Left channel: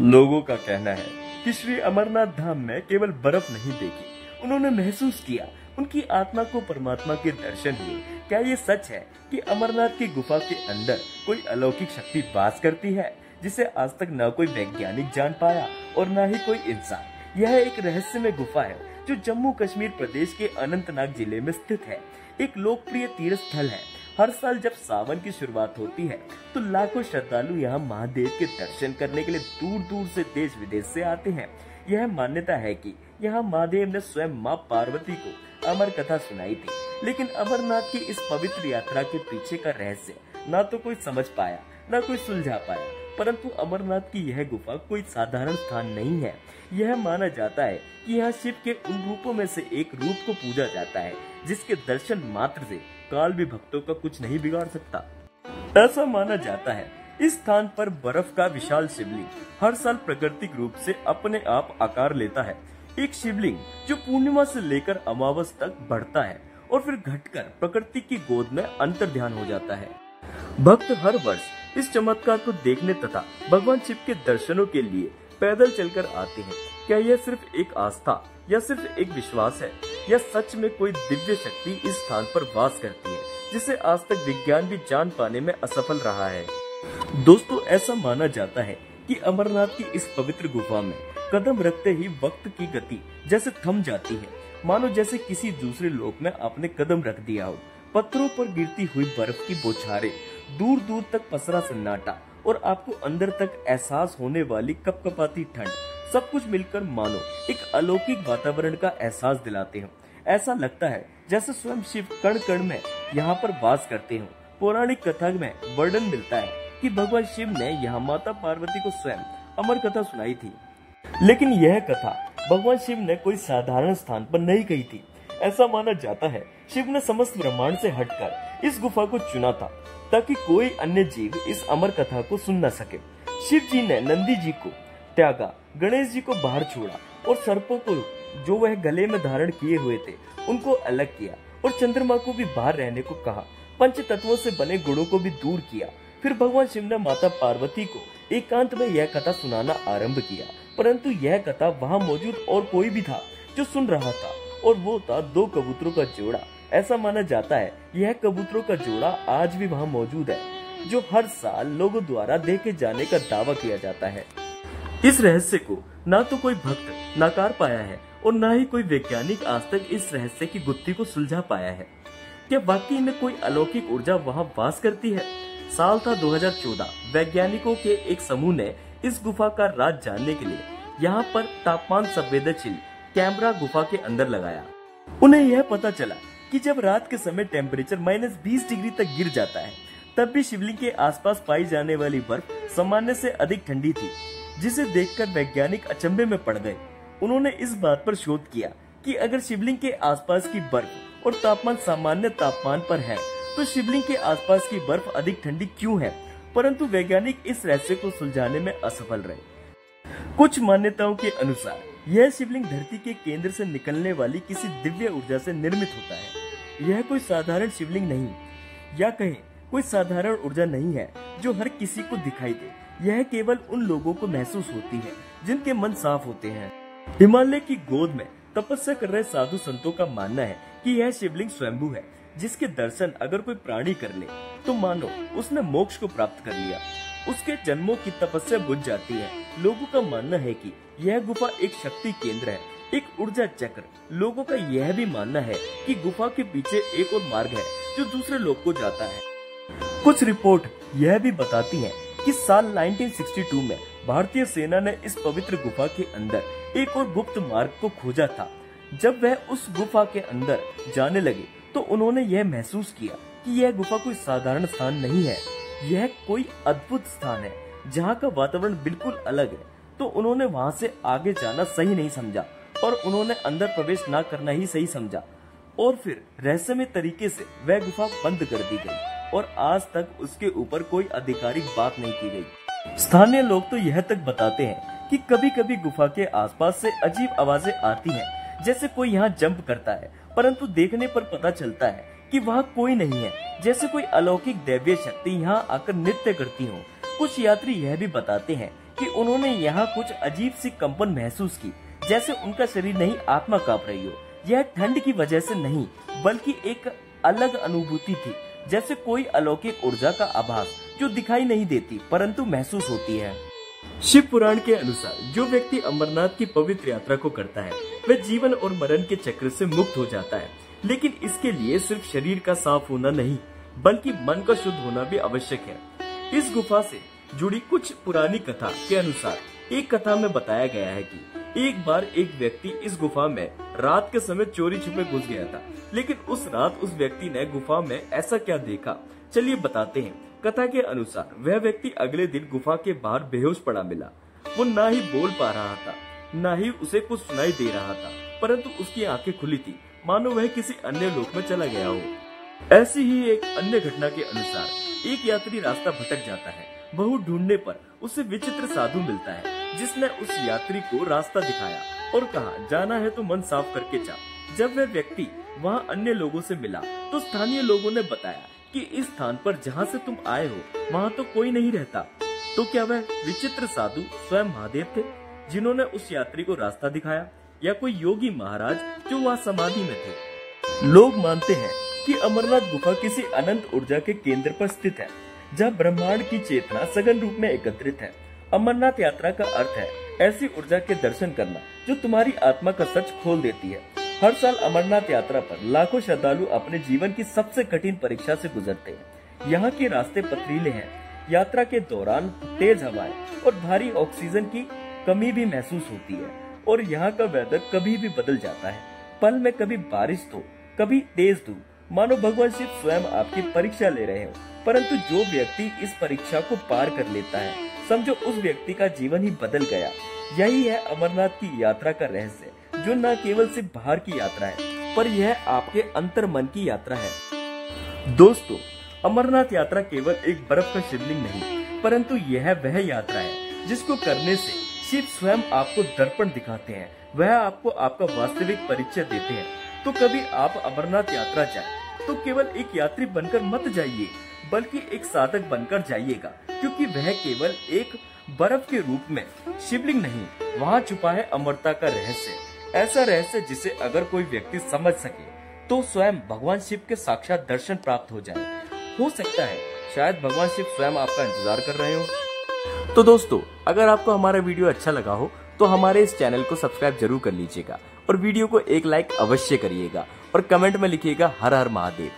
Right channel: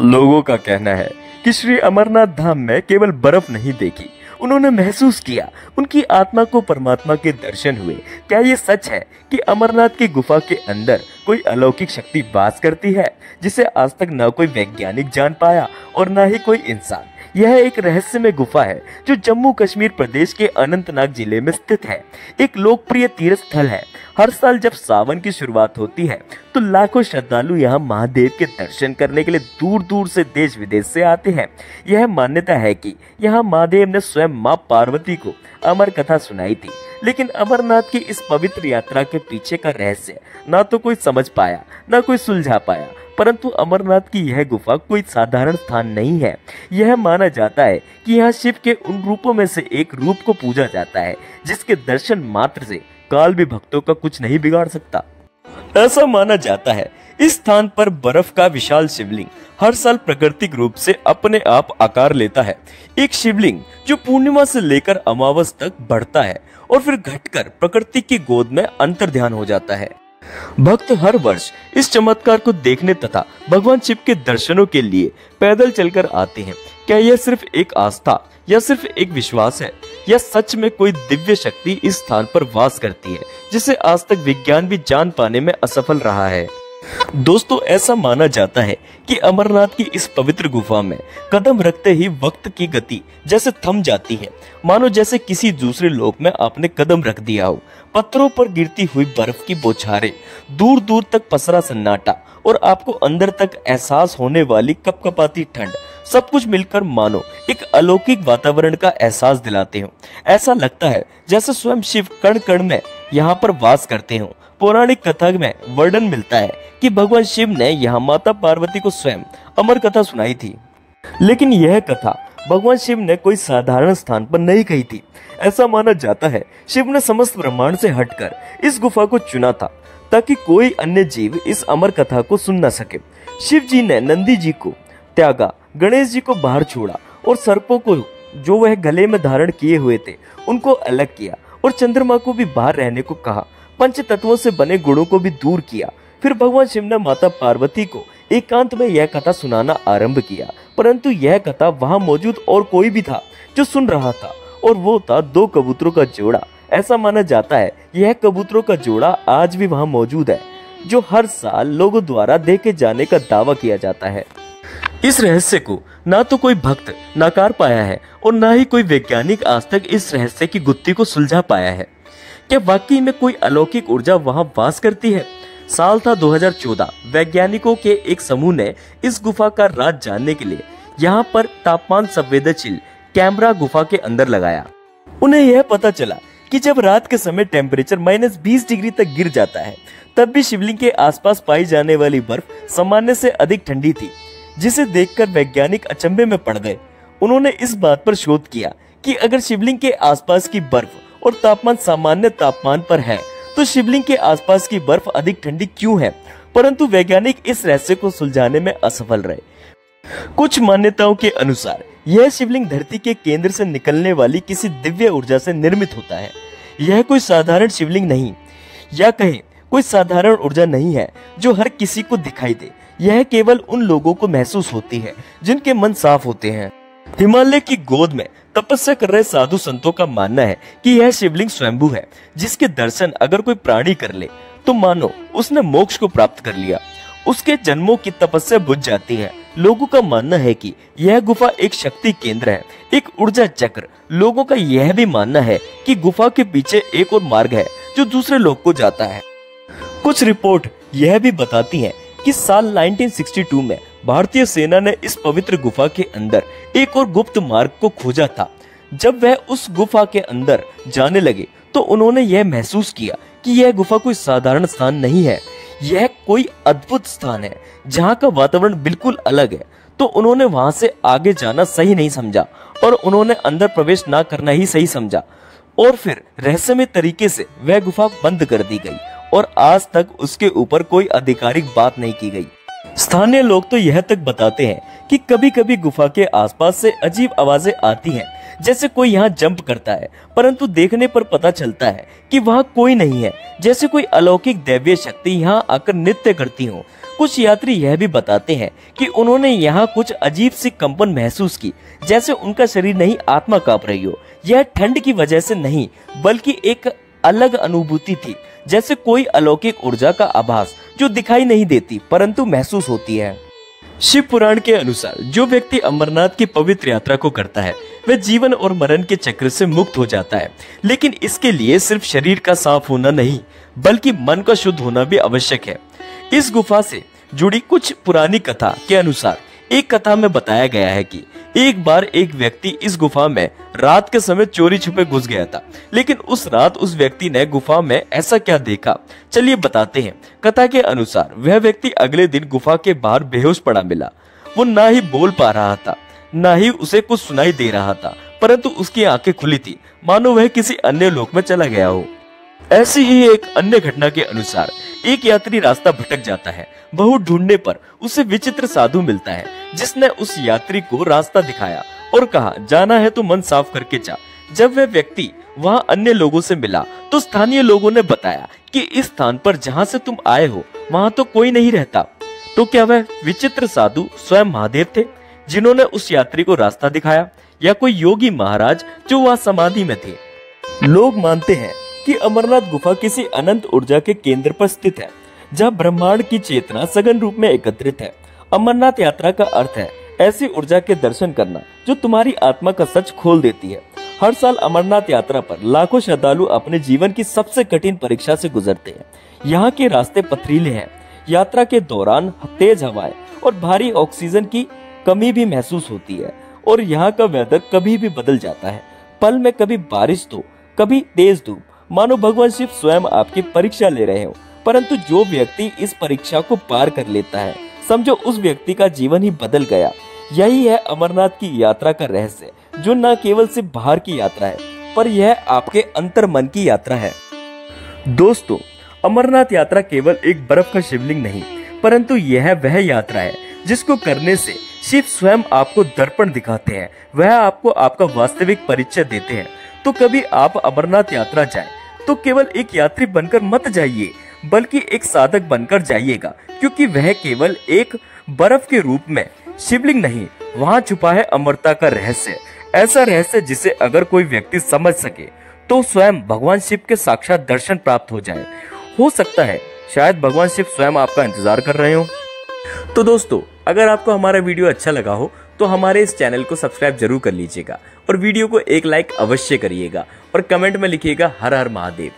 लोगों का कहना है कि श्री अमरनाथ धाम में केवल बर्फ नहीं देखी, उन्होंने महसूस किया, उनकी आत्मा को परमात्मा के दर्शन हुए। क्या ये सच है कि अमरनाथ की गुफा के अंदर कोई अलौकिक शक्ति वास करती है, जिसे आज तक न कोई वैज्ञानिक जान पाया और न ही कोई इंसान? यह एक रहस्यमय गुफा है जो जम्मू कश्मीर प्रदेश के अनंतनाग जिले में स्थित है। एक लोकप्रिय तीर्थ स्थल है। हर साल जब सावन की शुरुआत होती है तो लाखों श्रद्धालु यहाँ महादेव के दर्शन करने के लिए दूर दूर से देश विदेश से आते हैं। यह मान्यता है कि यहाँ महादेव ने स्वयं माँ पार्वती को अमर कथा सुनाई थी। लेकिन अमरनाथ की इस पवित्र यात्रा के पीछे का रहस्य ना तो कोई समझ पाया, ना कोई सुलझा पाया। परंतु अमरनाथ की यह गुफा कोई साधारण स्थान नहीं है। यह माना जाता है कि यहाँ शिव के उन रूपों में से एक रूप को पूजा जाता है जिसके दर्शन मात्र से काल भी भक्तों का कुछ नहीं बिगाड़ सकता। ऐसा माना जाता है इस स्थान पर बर्फ का विशाल शिवलिंग हर साल प्राकृतिक रूप से अपने आप आकार लेता है। एक शिवलिंग जो पूर्णिमा से लेकर अमावस तक बढ़ता है और फिर घटकर प्रकृति की गोद में अंतर ध्यान हो जाता है। भक्त हर वर्ष इस चमत्कार को देखने तथा भगवान शिव के दर्शनों के लिए पैदल चलकर आते हैं। क्या यह सिर्फ एक आस्था या सिर्फ एक विश्वास है, या सच में कोई दिव्य शक्ति इस स्थान पर वास करती है जिसे आज तक विज्ञान भी जान पाने में असफल रहा है? दोस्तों, ऐसा माना जाता है कि अमरनाथ की इस पवित्र गुफा में कदम रखते ही वक्त की गति जैसे थम जाती है, मानो जैसे किसी दूसरे लोक में आपने कदम रख दिया हो। पत्थरों पर गिरती हुई बर्फ की बौछारें, दूर दूर तक पसरा सन्नाटा और आपको अंदर तक एहसास होने वाली कपकपाती ठंड, सब कुछ मिलकर मानो एक अलौकिक वातावरण का एहसास दिलाते हो। ऐसा लगता है जैसे स्वयं शिव कण कण में यहाँ पर वास करते हो। पौराणिक कथा में वर्णन मिलता है कि भगवान शिव ने यहाँ माता पार्वती को स्वयं अमर कथा सुनाई थी। लेकिन यह कथा भगवान शिव ने कोई साधारण स्थान पर नहीं कही थी। ऐसा माना जाता है शिव ने समस्त ब्रह्मांड से हटकर इस गुफा को चुना था ताकि कोई अन्य जीव इस अमर कथा को सुन न सके। शिव जी ने नंदी जी को त्यागा, गणेश जी को बाहर छोड़ा और सर्पों को जो वह गले में धारण किए हुए थे उनको अलग किया और चंद्रमा को भी बाहर रहने को कहा। पंच तत्वों से बने गुणों को भी दूर किया। फिर भगवान शिव ने माता पार्वती को एकांत में यह कथा सुनाना आरंभ किया। परंतु यह कथा वहां मौजूद और कोई भी था जो सुन रहा था, और वो था 2 कबूतरों का जोड़ा। ऐसा माना जाता है यह कबूतरों का जोड़ा आज भी वहां मौजूद है, जो हर साल लोगों द्वारा देखे जाने का दावा किया जाता है। इस रहस्य को ना तो कोई भक्त नकार पाया है और ना ही कोई वैज्ञानिक आज तक इस रहस्य की गुत्थी को सुलझा पाया है। क्या वाकई में कोई अलौकिक ऊर्जा वहां वास करती है? साल था 2014। वैज्ञानिकों के एक समूह ने इस गुफा का राज जानने के लिए यहाँ पर तापमान संवेदनशील कैमरा गुफा के अंदर लगाया। उन्हें यह पता चला कि जब रात के समय टेम्परेचर -20 डिग्री तक गिर जाता है, तब भी शिवलिंग के आसपास पाई जाने वाली बर्फ सामान्य से अधिक ठंडी थी, जिसे देखकर वैज्ञानिक अचंभे में पड़ गए। उन्होंने इस बात पर शोध किया कि अगर शिवलिंग के आसपास की बर्फ और तापमान सामान्य तापमान पर है, तो शिवलिंग के आसपास की बर्फ अधिक ठंडी क्यों है? परंतु वैज्ञानिक इस रहस्य को सुलझाने में असफल रहे। कुछ मान्यताओं के अनुसार यह शिवलिंग धरती के केंद्र से निकलने वाली किसी दिव्य ऊर्जा से निर्मित होता है। यह कोई साधारण शिवलिंग नहीं, या कहें कोई साधारण ऊर्जा नहीं है जो हर किसी को दिखाई दे। यह केवल उन लोगों को महसूस होती है जिनके मन साफ होते हैं। हिमालय की गोद में तपस्या कर रहे साधु संतों का मानना है कि यह शिवलिंग स्वयंभू है, जिसके दर्शन अगर कोई प्राणी कर ले तो मानो उसने मोक्ष को प्राप्त कर लिया। उसके जन्मों की तपस्या बुझ जाती है। लोगों का मानना है कि यह गुफा एक शक्ति केंद्र है, एक ऊर्जा चक्र। लोगों का यह भी मानना है कि गुफा के पीछे एक और मार्ग है जो दूसरे लोक को जाता है। कुछ रिपोर्ट यह भी बताती हैं कि साल 1962 में भारतीय सेना ने इस पवित्र गुफा के अंदर एक और गुप्त मार्ग को खोजा था। जब वह उस गुफा के अंदर जाने लगे तो उन्होंने यह महसूस किया कि यह गुफा कोई साधारण स्थान नहीं है, यह कोई अद्भुत स्थान है जहाँ का वातावरण बिल्कुल अलग है। तो उन्होंने वहां से आगे जाना सही नहीं समझा और उन्होंने अंदर प्रवेश ना करना ही सही समझा, और फिर रहस्यमय तरीके से वह गुफा बंद कर दी गई और आज तक उसके ऊपर कोई आधिकारिक बात नहीं की गई। स्थानीय लोग तो यह तक बताते हैं कि कभी कभी गुफा के आसपास से अजीब आवाजें आती हैं, जैसे कोई यहाँ जंप करता है, परंतु देखने पर पता चलता है कि वहाँ कोई नहीं है, जैसे कोई अलौकिक दैवीय शक्ति यहाँ आकर नृत्य करती हो। कुछ यात्री यह भी बताते हैं कि उन्होंने यहाँ कुछ अजीब सी कंपन महसूस की, जैसे उनका शरीर नहीं आत्मा कांप रही हो। यह ठंड की वजह से नहीं बल्कि एक अलग अनुभूति थी, जैसे कोई अलौकिक ऊर्जा का आभास जो दिखाई नहीं देती परंतु महसूस होती है। शिव पुराण के अनुसार जो व्यक्ति अमरनाथ की पवित्र यात्रा को करता है वह जीवन और मरण के चक्र से मुक्त हो जाता है, लेकिन इसके लिए सिर्फ शरीर का साफ होना नहीं बल्कि मन का शुद्ध होना भी आवश्यक है। इस गुफा से जुड़ी कुछ पुरानी कथा के अनुसार एक कथा में बताया गया है कि एक बार एक व्यक्ति इस गुफा में रात के समय चोरी छुपे घुस गया था, लेकिन उस रात उस व्यक्ति ने गुफा में ऐसा क्या देखा, चलिए बताते हैं। कथा के अनुसार वह व्यक्ति अगले दिन गुफा के बाहर बेहोश पड़ा मिला। वो ना ही बोल पा रहा था, ना ही उसे कुछ सुनाई दे रहा था, परंतु उसकी आंखें खुली थी, मानो वह किसी अन्य लोक में चला गया हो। ऐसी ही एक अन्य घटना के अनुसार एक यात्री रास्ता भटक जाता है। बहुत ढूंढने पर उसे विचित्र साधु मिलता है, जिसने उस यात्री को रास्ता दिखाया और कहा, जाना है तो मन साफ करके जा। जब वह व्यक्ति वहाँ अन्य लोगों से मिला तो स्थानीय लोगों ने बताया कि इस स्थान पर जहाँ से तुम आए हो वहाँ तो कोई नहीं रहता। तो क्या वह विचित्र साधु स्वयं महादेव थे जिन्होंने उस यात्री को रास्ता दिखाया, या कोई योगी महाराज जो वहाँ समाधि में थे? लोग मानते हैं कि अमरनाथ गुफा किसी अनंत ऊर्जा के केंद्र पर स्थित है, जहाँ ब्रह्मांड की चेतना सघन रूप में एकत्रित है। अमरनाथ यात्रा का अर्थ है ऐसी ऊर्जा के दर्शन करना जो तुम्हारी आत्मा का सच खोल देती है। हर साल अमरनाथ यात्रा पर लाखों श्रद्धालु अपने जीवन की सबसे कठिन परीक्षा से गुजरते हैं। यहाँ के रास्ते पथरीले हैं, यात्रा के दौरान तेज हवाएं और भारी ऑक्सीजन की कमी भी महसूस होती है, और यहाँ का वेदर कभी भी बदल जाता है। पल में कभी बारिश तो कभी तेज धूप, मानो भगवान शिव स्वयं आपकी परीक्षा ले रहे हो। परंतु जो व्यक्ति इस परीक्षा को पार कर लेता है, समझो उस व्यक्ति का जीवन ही बदल गया। यही है अमरनाथ की यात्रा का रहस्य, जो न केवल सिर्फ बाहर की यात्रा है पर यह आपके अंतर मन की यात्रा है। दोस्तों, अमरनाथ यात्रा केवल एक बर्फ का शिवलिंग नहीं, परंतु यह वह यात्रा है जिसको करने से शिव स्वयं आपको दर्पण दिखाते हैं। वह आपको आपका वास्तविक परिचय देते हैं। तो कभी आप अमरनाथ यात्रा जाएं तो केवल एक यात्री बनकर मत जाइए, बल्कि एक साधक बनकर जाइएगा, क्योंकि वह केवल एक बर्फ के रूप में शिवलिंग नहीं, वहाँ छुपा है अमरता का रहस्य। ऐसा रहस्य जिसे अगर कोई व्यक्ति समझ सके तो स्वयं भगवान शिव के साक्षात दर्शन प्राप्त हो जाए। हो सकता है शायद भगवान शिव स्वयं आपका इंतजार कर रहे हो। तो दोस्तों, अगर आपको हमारा वीडियो अच्छा लगा हो तो हमारे इस चैनल को सब्सक्राइब जरूर कर लीजिएगा और वीडियो को एक लाइक अवश्य करिएगा और कमेंट में लिखिएगा हर हर महादेव।